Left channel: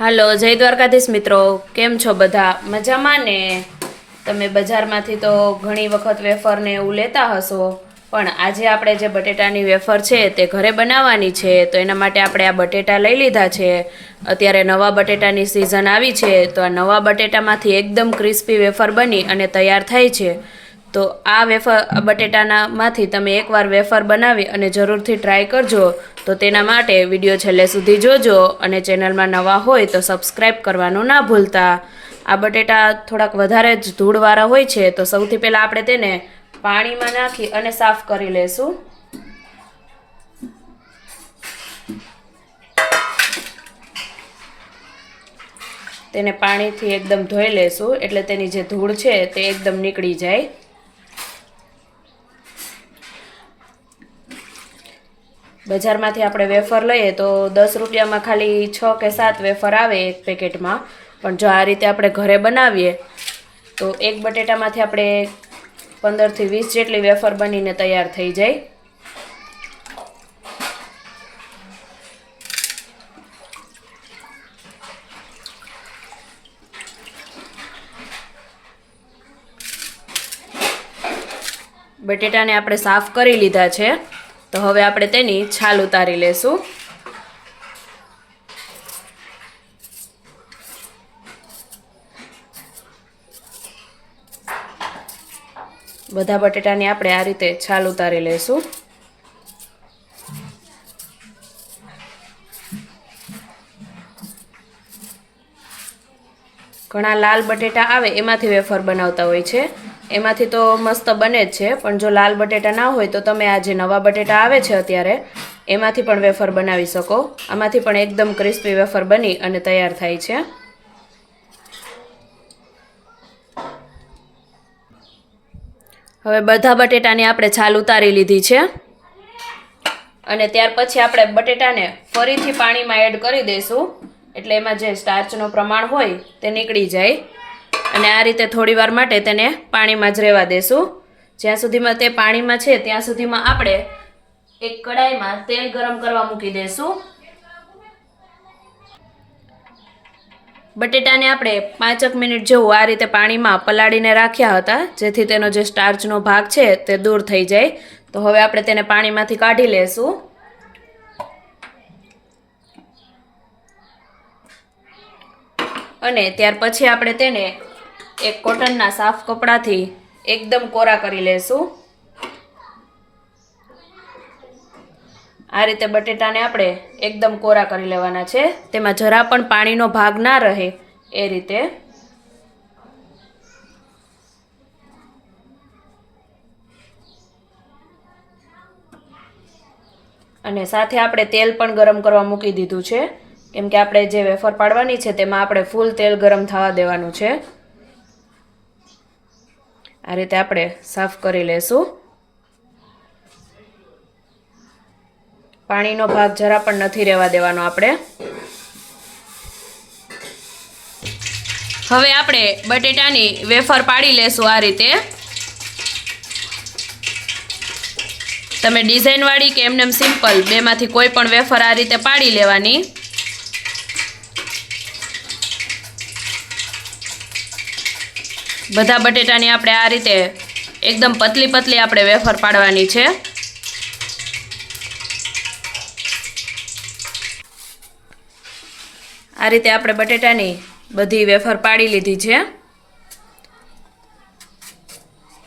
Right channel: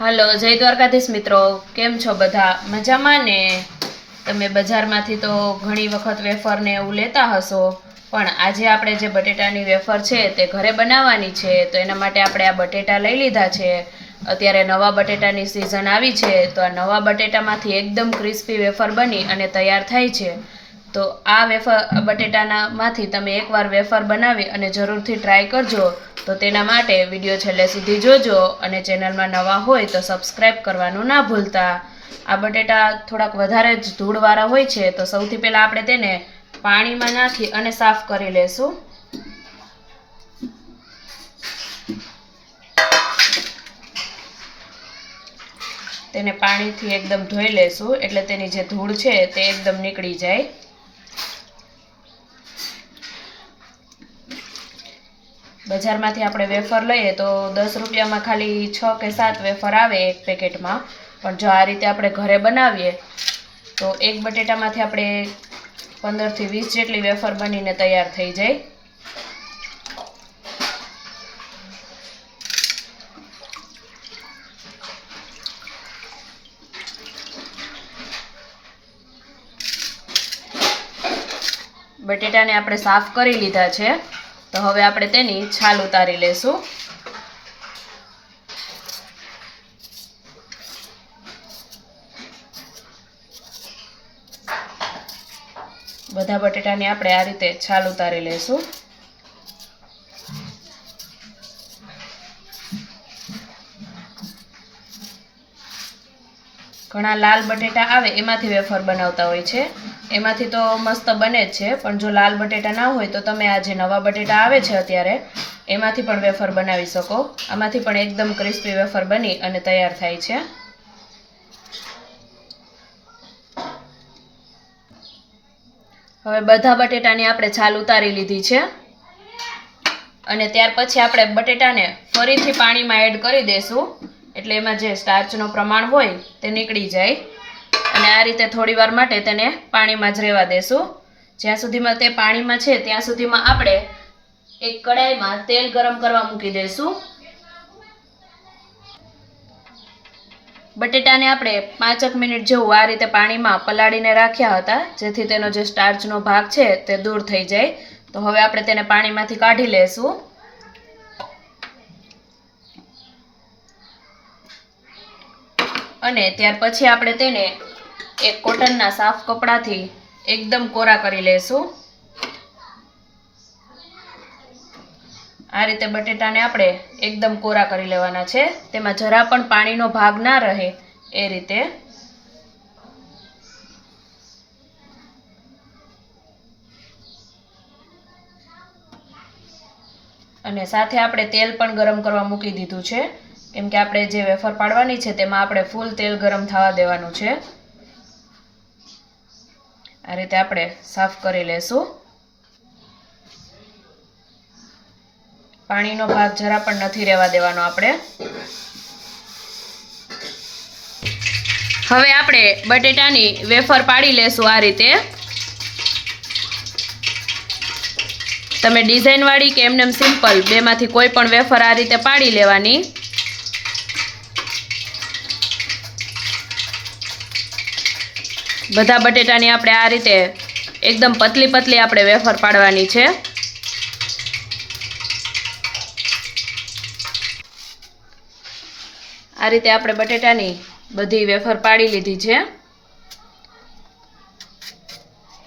હાલો જય દ્વારકાધીશ મિત્રો, કેમ છો બધા? મજામાં ને? તમે બજારમાંથી તો ઘણી વખત વેફર ને એવું લેતા હશો, પણ આજે આપણે જે બટેટાની વેફર છે તે ઘરે બનાવવાની છે. તો એના માટે આપણે આ બટેટા લઈ લીધા છે. અત્યારે નવા બટેટાની સિઝન આવી છે, તો આ નવા બટેટામાંથી એકદમ ક્રિસ્પી વેફર બની અને તૈયાર થાય છે. તો આ બટેટામાંથી તમે એકવાર વેફર બનાવી અને જરૂરથી ટ્રાય કરજો. તો તેના માટે વિડીયો છેલ્લે સુધી જોજો અને ચેનલમાં નવા હોય તો સબસ્ક્રાઈબ કરવાનું ના ભૂલતા. આ બટેટા થોડાક વધારે જ ધૂળવાળા હોય છે, તો સૌથી પહેલાં આપણે તેને પાણીમાં નાખી અને સાફ કરી લેશું. તેને પાણીથી એકદમ ધોઈ લેશું, એટલે તેની જે ધૂળ છે તે એકદમ નીકળી જાય. બજારમાંથી આપણે વેફર લઈએ તો 10 રૂપિયામાં ખાલી 6 કે 7 વેફર આવે એક પેકેટમાં. પણ જો આ રીતે આપણે ઘરે બનાવીએ તો એક બટેટામાંથી આપણે 15 થી 20 જેટલી વેફર બનીને તૈયાર થઈ જાય. બટેટાને આપણે સાફ કરી લીધા છે, તો હવે આપણે તેની છાલ ઉતારી લેશું. બધા બટેટાની આપણે આ રીતે છાલ ઉતારી લેશું. ઘણા લાલ બટેટા આવે એમાંથી વેફર બનાવતા હોય છે, એમાંથી તો મસ્ત બને જ છે. પણ જો લાલ બટેટા ના હોય તો તમે આ જે નવા બટેટા આવે છે અત્યારે, એમાંથી પણ વેફર બનાવી શકો. આમાંથી પણ એકદમ ક્રિસ્પી વેફર બની અને તૈયાર થાય છે. હવે બધા બટેટાની આપણે છાલ ઉતારી લીધી છે, અને ત્યાર પછી આપણે બટેટાને ફરીથી પાણીમાં એડ કરી દઈશું, એટલે એમાં જે સ્ટાર્ચનું પ્રમાણ હોય તે નીકળી જાય. અને આ રીતે થોડી વાર માટે તેને પાણીમાં જ રહેવા દેશું. જ્યાં સુધીમાં તે પાણીમાં છે ત્યાં સુધીમાં આપણે એક કડાઈમાં તેલ ગરમ કરવા મૂકી દઈશું. બટેટાને આપણે 5 મિનિટ જેવું આ રીતે પાણીમાં પલાળીને રાખ્યા હતા, જેથી તેનો જે સ્ટાર્ચનો ભાગ છે તે દૂર થઈ જાય. તો હવે આપણે તેને પાણીમાંથી કાઢી લેશું. અને ત્યાર પછી આપણે તેને એક કોટનના સાફ કપડાથી એકદમ કોરા કરી લેશું. આ રીતે બટેટાને આપણે એકદમ કોરા કરી લેવાના છે, તેમાં જરા પણ પાણીનો ભાગ ના રહે એ રીતે. અને સાથે આપણે તેલ પણ ગરમ કરવા મૂકી દીધું છે, કેમ કે આપણે જે વેફર પાડવાની છે તેમાં આપણે ફૂલ તેલ ગરમ થવા દેવાનું છે. આ રીતે આપણે સાફ કરી લેશું. પાણીનો ભાગ જરા પણ નથી રહેવા દેવાનો આપણે. હવે આપણે બટેટાની વેફર પાડી લેશું આ રીતે. તમે ડિઝાઇનવાળી કે એમનેમ સિમ્પલ બેમાંથી કોઈ પણ વેફર આ રીતે પાડી લેવાની. બધા બટેટાની આપણે આ રીતે એકદમ પતલી પતલી આપણે વેફર પાડવાની છે. આ રીતે આપણે બટેટાની બધી વેફર પાડી લીધી છે.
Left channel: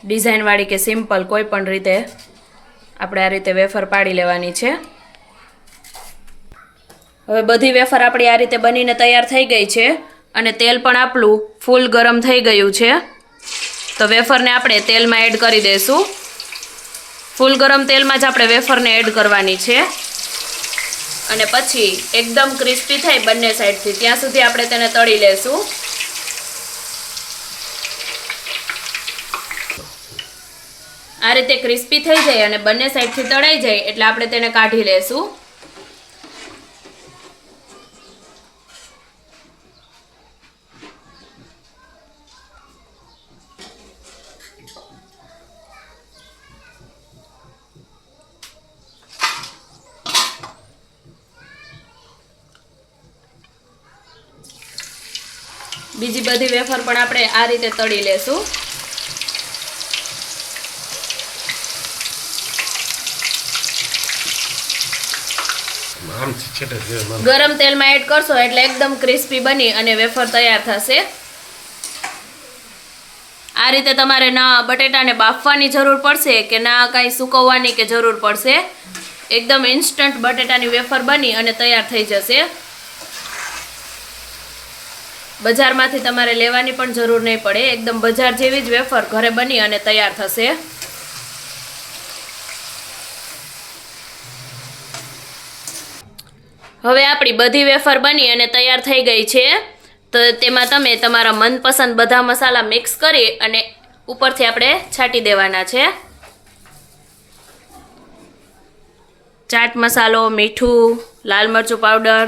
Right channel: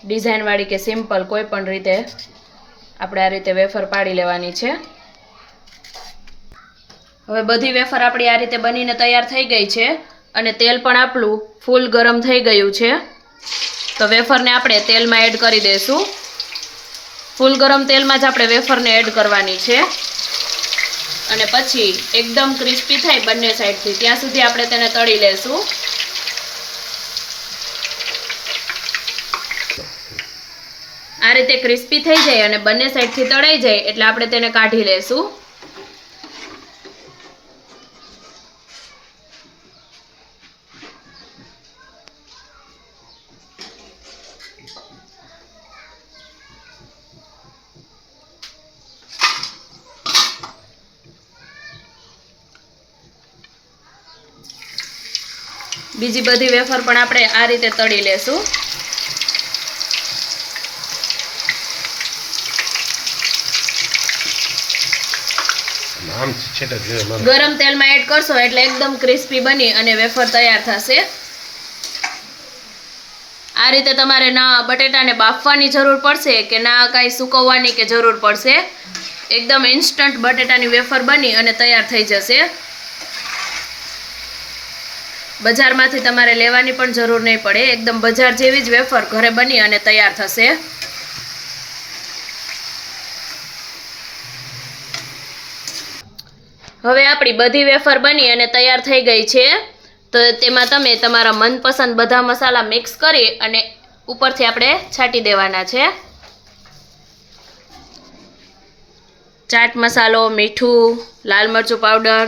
ડિઝાઇનવાળી કે સિમ્પલ કોઈ પણ રીતે આપણે આ રીતે વેફર પાડી લેવાની છે. હવે બધી વેફર આપણી આ રીતે બનીને તૈયાર થઈ ગઈ છે, અને તેલ પણ આપણું ફૂલ ગરમ થઈ ગયું છે. તો વેફરને આપણે તેલમાં એડ કરી દઈશું. ફૂલ ગરમ તેલમાં જ આપણે વેફરને એડ કરવાની છે. અને પછી એકદમ ક્રિસ્પી થાય બંને સાઈડથી ત્યાં સુધી આપણે તેને તળી લેશું. આ રીતે ક્રિસ્પી થઈ જાય અને બંને સાઈડથી તળાઈ જાય એટલે આપણે તેને કાઢી લેશું. બીજી બધી વેફર પણ આપણે આ રીતે તળી લેશું. ગરમ તેલમાં એડ કરશો એટલે એકદમ ક્રિસ્પી બની અને વેફર તૈયાર થશે. આ રીતે તમારે ના બટેટાને બાફવાની જરૂર પડશે કે ના કાંઈ સૂકવવાની કે જરૂર પડશે. એકદમ ઇન્સ્ટન્ટ બટેટાની વેફર બની અને તૈયાર થઈ જશે. બજારમાંથી તમારે લેવાની પણ જરૂર નહીં પડે. એકદમ બજાર જેવી જ વેફર ઘરે બની અને તૈયાર થશે. હવે આપણી બધી વેફર બની અને તૈયાર થઈ ગઈ છે. તો તેમાં તમે તમારા મનપસંદ બધા મસાલા મિક્સ કરી અને ઉપરથી આપણે છાંટી દેવાના છે. ચાટ મસાલો, મીઠું, લાલ મરચું પાવડર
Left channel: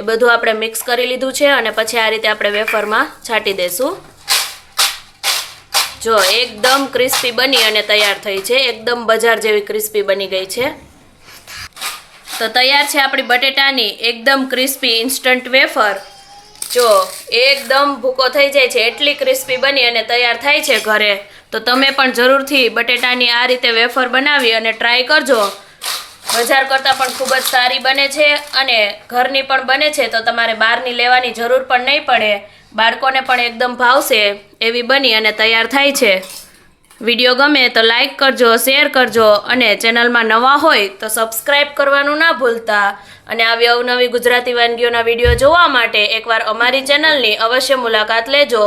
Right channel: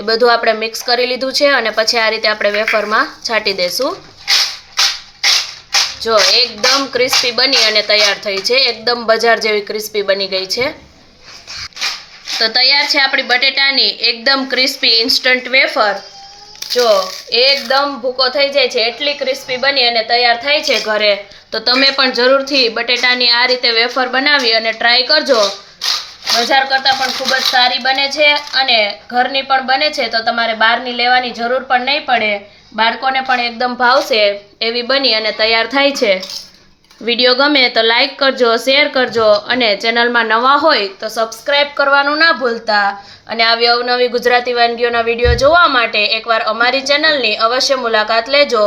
એ બધું આપણે મિક્સ કરી લીધું છે અને પછી આ રીતે આપણે વેફરમાં છાંટી દેશું. જો એકદમ ક્રિસ્પી બની અને તૈયાર થઈ છે. એકદમ બજાર જેવી ક્રિસ્પી બની ગઈ છે. તો તૈયાર છે આપણી બટેટાની એકદમ ક્રિસ્પી ઇન્સ્ટન્ટ વેફર. જો એકદમ ભૂકો થઈ જાય છે એટલી ક્રિસ્પી બની અને તૈયાર થાય છે ઘરે. તો તમે પણ જરૂરથી બટેટાની આ રીતે વેફર બનાવી અને ટ્રાય કરજો. બજાર કરતાં પણ ખૂબ જ સારી બને છે અને ઘરની પણ બને છે. તો તમારે બહારની લેવાની જરૂર પણ નહીં પડે. બાળકોને પણ એકદમ ભાવશે એવી બની અને તૈયાર થાય છે. વિડીયો ગમે તો લાઈક કરજો, શેર કરજો અને ચેનલમાં નવા હોય તો સબસ્ક્રાઈબ કરવાનું ના ભૂલતા. અને આવી અવનવી ગુજરાતી વાનગીઓના વિડીયો જોવા માટે એકવાર અમારી ચેનલની અવશ્ય મુલાકાત લેજો.